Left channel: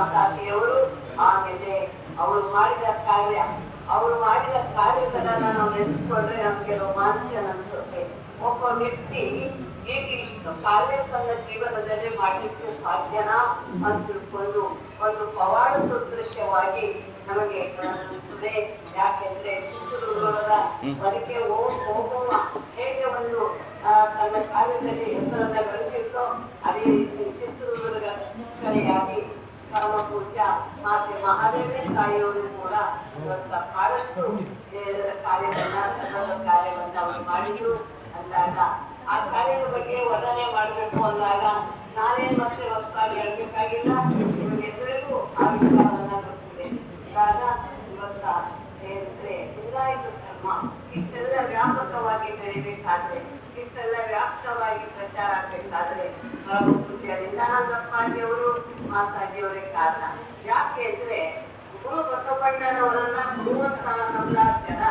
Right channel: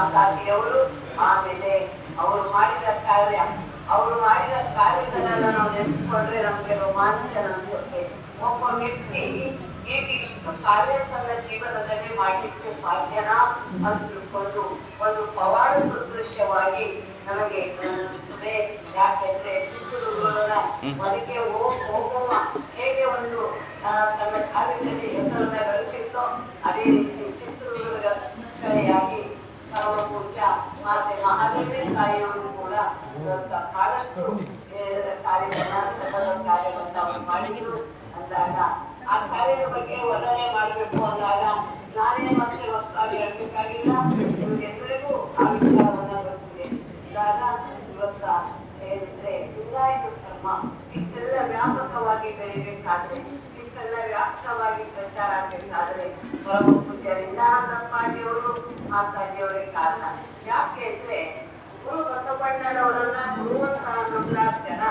ಮಾತಾಜಿಯವರು ಆಮೇಲೆ ಅವರು ಮಾಡಿದ ಕಾರ್ಯ ಅವರು ಮಾಡಿದ ಕಾರ್ಯಗಳನ್ನ ನಾವು ನೆನೆಸ್ಕೊಂಡ್ರೆ ನಮ್ಗೆ ರೋಮಾಂಚನ ಅನ್ಸುತ್ತೆ. ಒಬ್ಬ ವ್ಯಕ್ತಿ ಹೇಗೆ ಇಷ್ಟು ಕಾರ್ಯ ತನ್ನ ಜೀವನದಲ್ಲಿ ಮಾಡಲಿಕ್ಕೆ ಸಾಧ್ಯನಾ ಅಂತ ತಿಳ್ಕೊಂಡು ಒಂದು ಪವಾಡ ಸದೃಶ್ಯವಾಗಿ ನಮಗೆ ಯಾಕೆಂದ್ರೆ ಚಿತ್ರದುರ್ಗದ ಹೊರಗೆ ಹೋಗುವ ಹೇಗೆ ಒಂದು ತನ್ನ ಕಾರ್ಯದಲ್ಲಿ ಹೆಸರನ್ನ ಗಳಿಸಿತ್ತೋ ಅದೇ ರೀತಿ ಚಿತ್ರದುರ್ಗ ಕೈಯಾಗಿ ಪರಮ ಪೂಜ್ಯ ಮಾತೆ ಮಹಾದೇವಿ ತಾಯಿಯವರು ಕೂಡ ಬಹಳಷ್ಟು ಕಾರ್ಯವನ್ನ ಕಾರ್ಯವನ್ನು ಕಾರ್ಯವನ್ನ ಮಾಡಿದ್ರು ಅಂದಾಗ ಆ ಕಾರ್ಯದ ಬಗ್ಗೆ ವರ್ಣನೆ ಮಾಡಬೇಕು ಅಂದಾಗ ನಾನೇ ಮತ್ತೆ ಹೊಸದಾಗಿ ಹೇಳ್ಬೇಕಾಗಿಲ್ಲ. ಎಲ್ಲರಿಗೂ ಆ ವಿಚಾರವನ್ನ ಗೊತ್ತಿದೆ. ಇವಾಗ ಇವತ್ತ ಏನಂದ್ರೆ ಲಿಂಗಾಯತ ಧರ್ಮ. ಇಷ್ಟೆಲ್ಲ ವ್ಯಾಪಕವಾಗಿ ಬೆಳಿಬೇಕಾದ್ರೆ ಇಷ್ಟೆಲ್ಲ ವ್ಯಾಪಕವಾಗಿ ಪ್ರಚಾರ ಆಗ್ಬೇಕಾದ್ರೆ ಪರಮ ಪೂಜ್ಯ ಲಿಂಗಾನಂದಪ್ಪಾಜಿಯವರು ಮಾತಾಜಿಯವರೇ ಕಾರಣ. ಯಾಕೆ ಅಂದ್ರೆ ಗುರು ಬಸವಣ್ಣನವರನ್ನ ಗುರುವಂತ ಅಂತ ನಂಬಲಾಗ್ತಾರ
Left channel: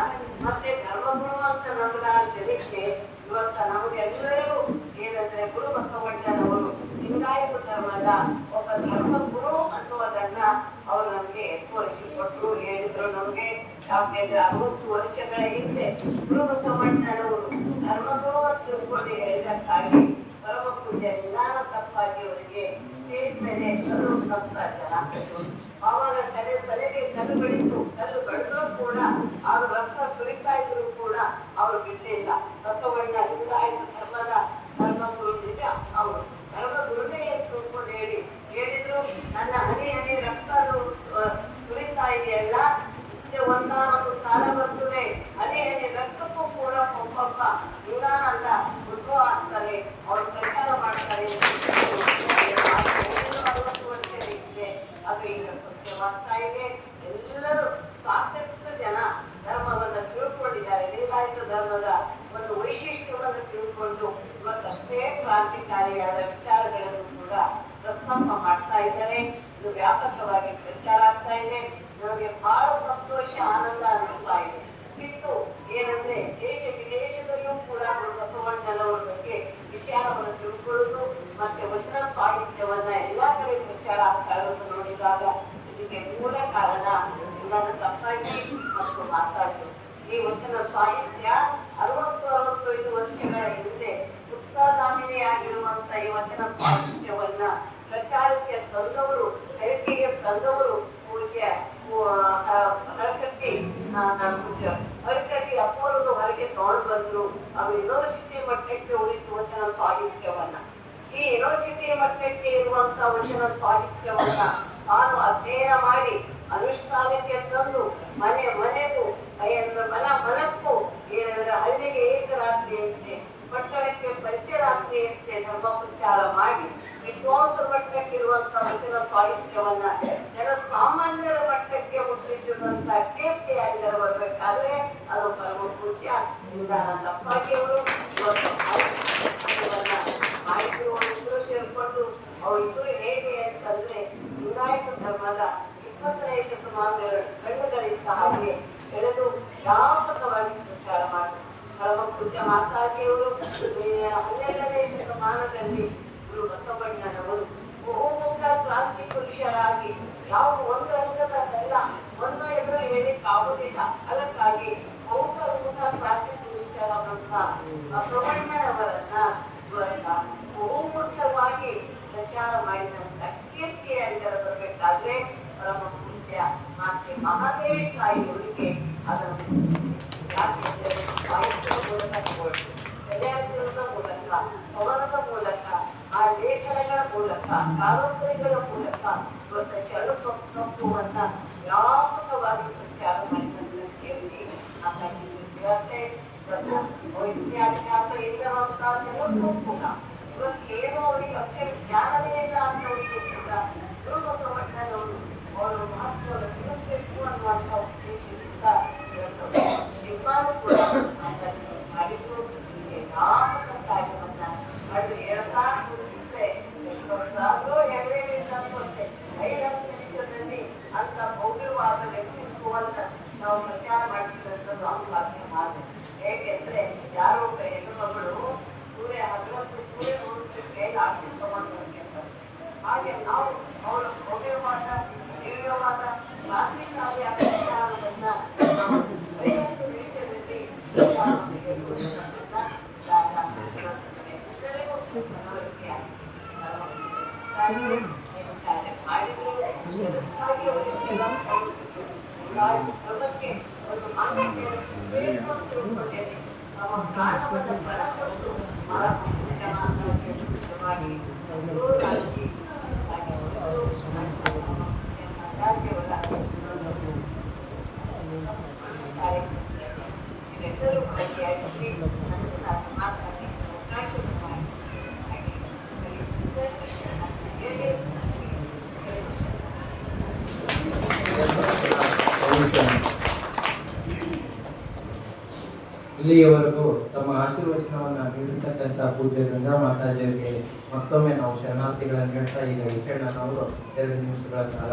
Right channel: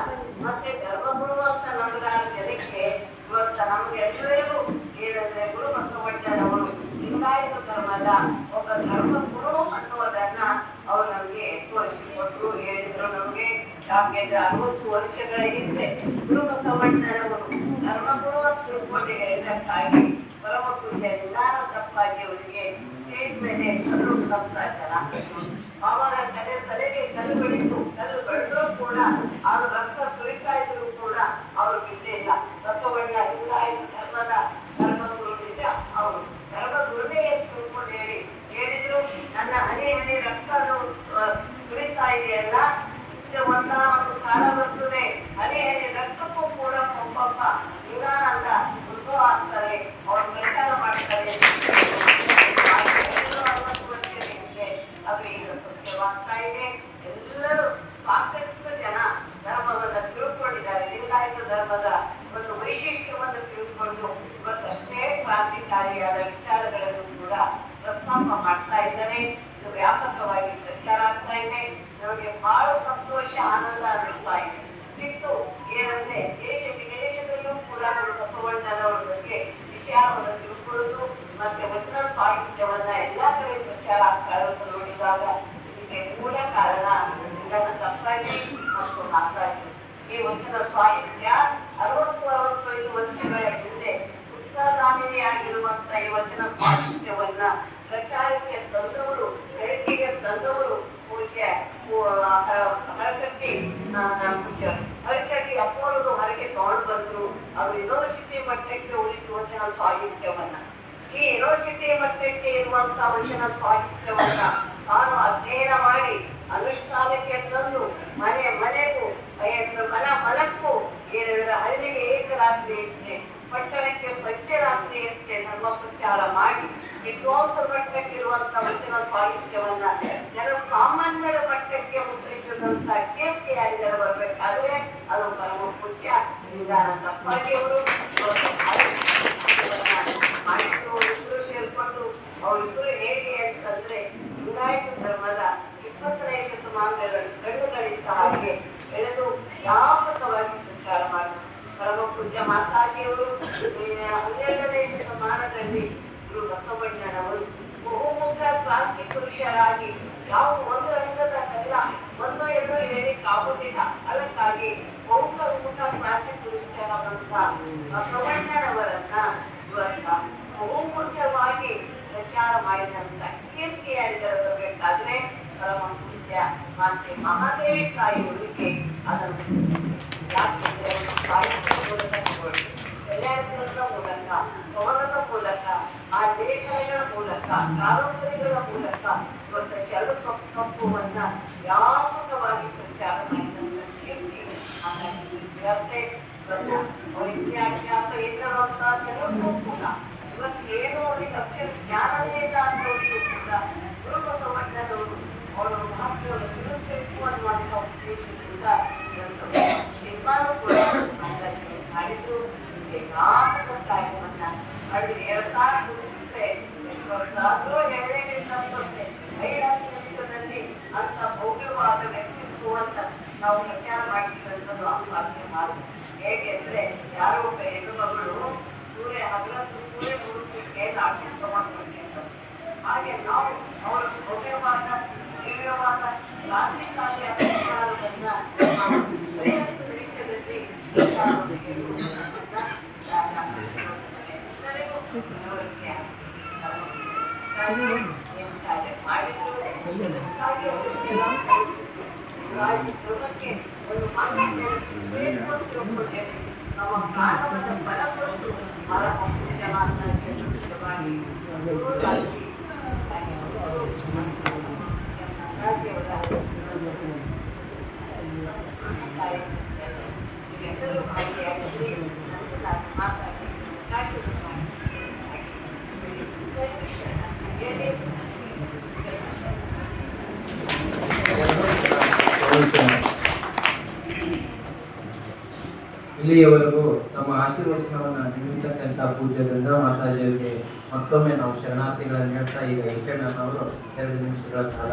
ಮತ್ತೆ ಧರ್ಮಗುರು ಅಂತ ನಂಬಲಾರ ಜನಕ್ಕೆ ಇವತ್ತ ನಮಗೆಲ್ಲರಿಗೂ ಏನಂದ್ರೆ ಗುರು ಬಸವಣ್ಣನವರು ಲಿಂಗಾಯತ ಧರ್ಮದ ಒಬ್ಬ ಧರ್ಮ ಗುರು ಅನ್ನೋದನ್ನ ಅವ್ರು ನಮ್ಗೆ ತೋರಿಸಿಕೊಟ್ರು, ಹೇಳಿದ್ರು. ನಮ್ಗೆ ಯಾಕೆಂದ್ರೆ ಅರವತ್ತು ವರ್ಷಗಳ ಹಿಂದೆ ಗುರು ಬಸವಣ್ಣನವರು ಧರ್ಮಗುರು ಅಂತ ತಿಳ್ಕೊಂಡು ಹೇಳಿದಕ್ಕಾಗಿ ಪರಮ ಪೂಜೆ ನಿಧಾನ ತಪ್ಪಾಗಿ ಅವರಿಗೆ ಸ್ಟೇಜ್ ಮೇಲೆ ವ್ಯಾಪಕವಾಗಿ ಪ್ರಚಾರ ಆಗ್ತಾ ಇದೆ ನಮಗೆ ಬಹಳ ಸಂತೋಷ, ಆನಂದ ಅನಿಸ್ತಾ ಇದೆ. ಇತ್ತು ಏನಂದ್ರೆ ದೇಶ ವಿದೇಶದಲ್ಲೂ ಕೂಡ ಬಸವಣ್ಣನವರ ಬಗ್ಗೆ ವಿಚಾರವನ್ನು ತಿಳ್ಕೊಳ್ಳೋದು ಮತ್ತೆ ವಚನ ಸಾಹಿತ್ಯವನ್ನ ಎಲ್ಲಾ ಕಡೆ ಪ್ರಚಾರ ಆಗ್ತಾ ಇರೋದು ನೋಡಿದಾಗ ಇದಕ್ಕೆ ಮೂಲ ಕಾರಣ ನನ್ನ ತಪ್ಪಾಗಿ ಮತ್ತು ಮಾತಾಡಿ. ಈ ವಚನ ಸಾಹಿತ್ಯ ಅರವತ್ತು, ಅರವತ್ತೈದು ವರ್ಷಗಳ ಹಿಂದೆ ಆಗಿರುವಂತ ಈ ವಚನ ಸಾಹಿತ್ಯವನ್ನ ಪೂಜ್ಯ ಹರಕಟ್ಟಿ ಪೂಜ್ಯ ಹರಕಟ್ಟಿ ಅಪ್ಪರದು ಹೊರಗೆ ತಗೊಂಡು ಬಂದ್ರು. ಅವರು ಯೂನಿವರ್ಸಿಟಿ ಮಟ್ಟಕ್ಕೆ ಉಳಿತು ವಚನ ಸಾಹಿತ್ಯವನ್ನ. ಈ ಯೂನಿವರ್ಸಿಟಿ ಮಟ್ಟಕ್ಕೆ ಇರುವಂತ ವಚನ ಸಾಹಿತ್ಯವನ್ನ ತಾನು ಅಧ್ಯಯನ ಮಾಡಿ ಅನುಷ್ಠಾನಕ್ಕೆ ತಂದು ಮನೆ, ಮನೆಗೂ ಮನ, ಮನಕ್ಕೂ ಏನಂದ್ರೆ ಹಳ್ಳಿಗೆ ಏಕರಾತ್ರಿ ಇರುತ್ತೆ ಪಟ್ಟಣಕ್ಕೆ ಪಂಚರಾತ್ರಿ ಇರುತ್ತೆ ಧರ್ಮ ಪ್ರಚಾರ ಮಾಡಿ ವಿದ್ವಾಂಸ ಮಟ್ಟಕ್ಕಿರುವಂತ ವಚನ ಸಾಹಿತ್ಯವನ್ನ ಜನ ಸಾಮಾನ್ಯರ ಮಟ್ಟಕ್ಕೆ ಮುದ್ರಿಸಿದಂತ ಕೀರ್ತಿಯಾಗಿದ್ದಾರೆ ಬರ್ಬೇಕಾದ್ರೆ ಅದು ಪರಮ ಪೂಜ್ಯ ಇವತ್ತು ಭಾಷೆಯನ್ನ ಮಾಡಿದ್ರು ಅವರಿಬ್ರು ಸೇರ್ಕೊಂಡು ಹೇಗೆ ಅಂತಂದ್ರೆ ಲಿಂಗಾಯತ ಧರ್ಮದ ಇಪ್ಪತ್ತನೇ ಶತಮಾನದ ಕಣ್ಣುಗಳಿದ್ದ ಹಾಗೆ ಬೆಳೆದು ವ್ಯಾಪಕವಾಗಿ ಸಂಚಾರ ಮಾಡಿದ್ರು ಪರಮ ಪೂಜ್ಯ ಮಾತಾಜಿಯವರು ಹನ್ನೆರಡನೇ ಶತಮಾನದಲ್ಲಿ ಗುರು ಬಸವಣ್ಣನವರು ಬಹುಮುಖ ಕ್ರಾಂತಿ ಪುರುಷರಾಗಿ ಯಾವ ಒಂದು ರಂಗದ ಅಲ್ಲ ಒಂದು ಎಂದು ಹೇಳಿಕ್ಕಾಗುವುದಿಲ್ಲ ಅದಕ್ಕಾಗಿ ಬಹುಮುಖ ಕ್ರಾಂತಿ ಪುರುಷರಾದಂತ ಬಸವಣ್ಣನವರನ್ನ ಇವರನ್ನ ಬಹುಮುಖ್ಯವಾಗಿ ಪ್ರಚಾರ ಮಾಡಿದಂತ ಕೀರ್ತಿಯಾಗಿದ್ದರೆ ಬರಬೇಕಾದ್ರೆ ಪರಮ ಪೂಜ್ಯ ಮಾತೆ ಮಹಾದೇವಿ ಅದನ್ನು ತಗೊಳ್ಳಿ. ಕಲ್ಯಾಣದ ಮೂಲಕ ಪವನದ ಮೂಲಕ ಆ ಲೇಖನಗಳ ಮೂಲಕ, ಕಾದಂಬರಿಗಳ ಮೂಲಕ ಇವತ್ತು ಶರಣ ತತ್ವವನ್ನ ವ್ಯಾಪಕವಾಗಿ ಪ್ರಚಾರ ಮಾಡಿದಂತ ಕೀರ್ತಿ ಹಾಗಾಗಿ ವಿದ್ಯಾರ್ಥಿ ವಿದ್ಯಾಭ್ಯಾಸ ಇಲ್ಲವಂತ ಇವತ್ತು ಏನು ಅಕ್ಷರ ಜ್ಞಾನವೇ ಇಲ್ಲ ಅನ್ನೋರಿಗೂ ಕೂಡ ಗುರು ಬಸವಣ್ಣನವರು ಅವರ ಎರಡು ತಾಸು ಎಷ್ಟು ವರ್ಷ ಆದ್ರೂ ಎಳೆಯಬೇಕು ಅನ್ಸುತ್ತೆ ಐದು ಹತ್ತು ನಿಮಿಷದಲ್ಲಿ ಅಂತ ಭವ್ಯವಾದ ವ್ಯಕ್ತಿತ್ವ ಅಂತ ನಾವು ಪ್ರಚಾರ ಮಾಡ್ತಿರೋದು ಅಸಾಧ್ಯ ಮಾತು ಹೇಗೆಂದ್ರೆ ಯಾರೋ ಒಬ್ಬ ಹೆಣ್ಣು ಮಗಳು ಸೂರ್ಯ ಹತ್ರ ಸೂರ್ಯ ಹುಡುಗಿ ಮೇಲೆ ಆಟ ತಗೊಂಡ್ಬರ್ತಾರೆ ಹಾಗೆ ನಾವು ಅವರ ಭವ್ಯವಾದ ದಿವ್ಯವಾದ ರಾತ್ರಿ ಕಾಲಿ ಅಭಿಚಾರವನ್ನ ಭವಿಷ್ಯದಲ್ಲಿ ಮಾಡಿದ್ರು ಪ್ರಭಕ್ಕೆ ಕ್ರಮಕ್ಕೆ ಒಂದು ಇಲ್ಲಿಯವರೆಗೂ ತಮ್ಮ ಆಶೀರ್ವಚನವನ್ನು ನೀಡಿರ್ತಕ್ಕಂಥ ಪೂಜ್ಯ ಗಂಗಾ ಮಾತಾಜಿಯವರಿಗೆ ಮತ್ತೊಮ್ಮೆ ನಾವು ಶರಣಾರ್ಥಿಗಳನ್ನು ಹೇಳ್ತಾ ಈಗ ಅವರು ಎರಡು ನಿಮಿಷಗಳ ಕಾಲ